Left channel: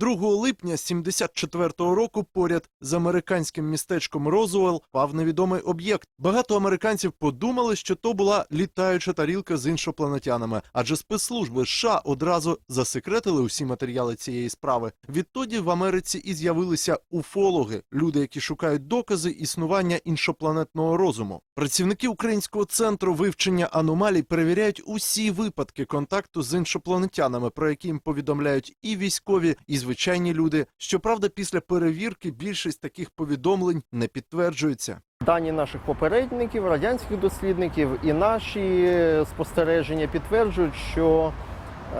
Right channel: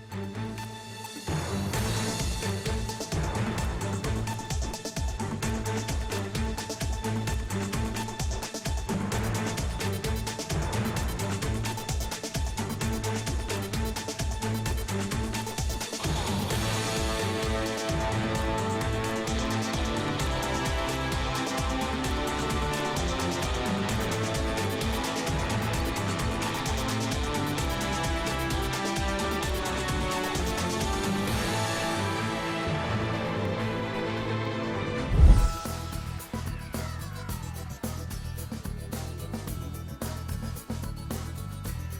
2 липня 74-го року поряд з американським містечком Розуелл впав невідомий об'єкт. Багато американців подумали, що то була літаюча тарілка з іншопланетянами, адже спецслужби США одразу засекретили усі матеріали цієї справи. Відтоді в Америці і з'явилися уфологи, люди, які шукають докази існування іншопланетного розуму. Працівники українського центру вивчення аномалій перевіряють усі випадки контакту з іншопланетянами, про які їм повідомляють і військові, і звичайні люди. Щоправда, після перевірки більшість таких повідомлень не підтверджується. Дані наших попередників, радянських дослідників і наші спостереження підтверджують, що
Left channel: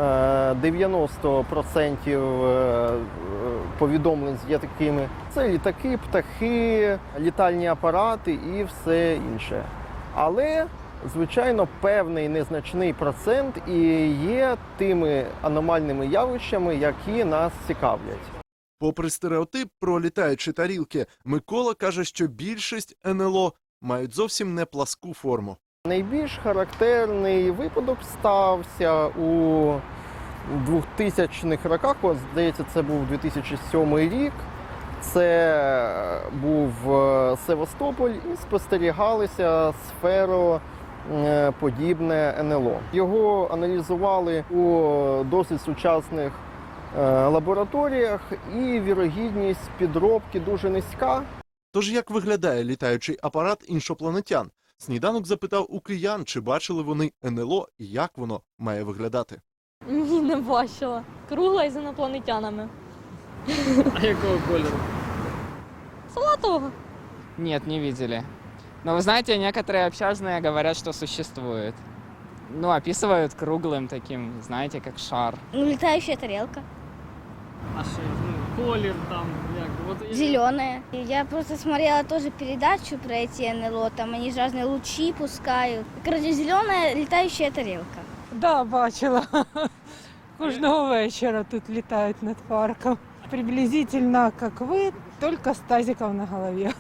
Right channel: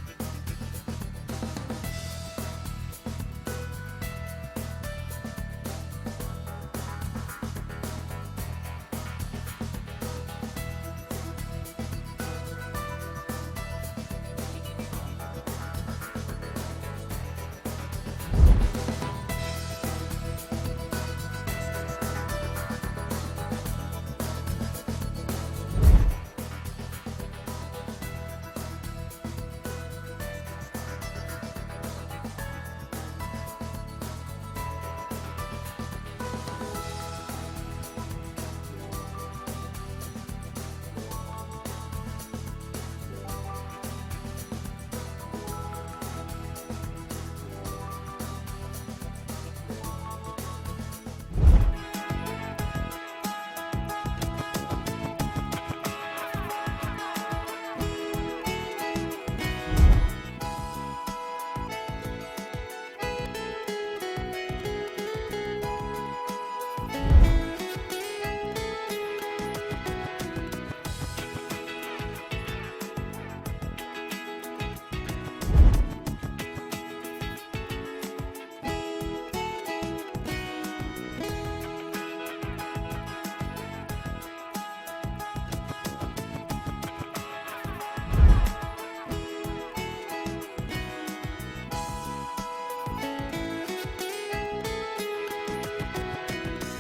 е, 90% е, повідомлень є такими. Це літаки, птахи, літальні апарати і все інше. Але, звичайно, певний незначний процент і є тими аномальними явищами, які нас цікавлять. Попри стереотип про літаючі тарілки, Микола каже, що більшість НЛО мають зовсім не пласку форму. Найбільш характерний випадок стався у 2000-х роках. От, здається, це був 2007 рік. Це був е, Севастополь і спостерігалися сфероподібне НЛО. Його аналізували у досить сучасних е, лабораторіях, і вірогідність підробки дуже низька. Тож як виглядає літаючий апарат іншопланетян? Сніданок запитав у киян, чи бачили вони НЛО і як воно має виглядати. Ні, не бачила. Кругла із інопланетянами. А якого кольору? Салатового. Нет, не видели. Но вы знаете, некоторые общажные говорят, что существует. Ну, описывают круглым таким, знаете, как шар. Ну, летающая тарелка. А що? Ну, колір там, як? От Зеленая. Я просто смотрела тоже передачу про эти НЛО, там они же разные лучи пускают. Короче, зеленая летающая тарелка. Да, бачила. Кожного вечора тут літають над парком. Приблизительно, як ви, тільки з тазиком на голові.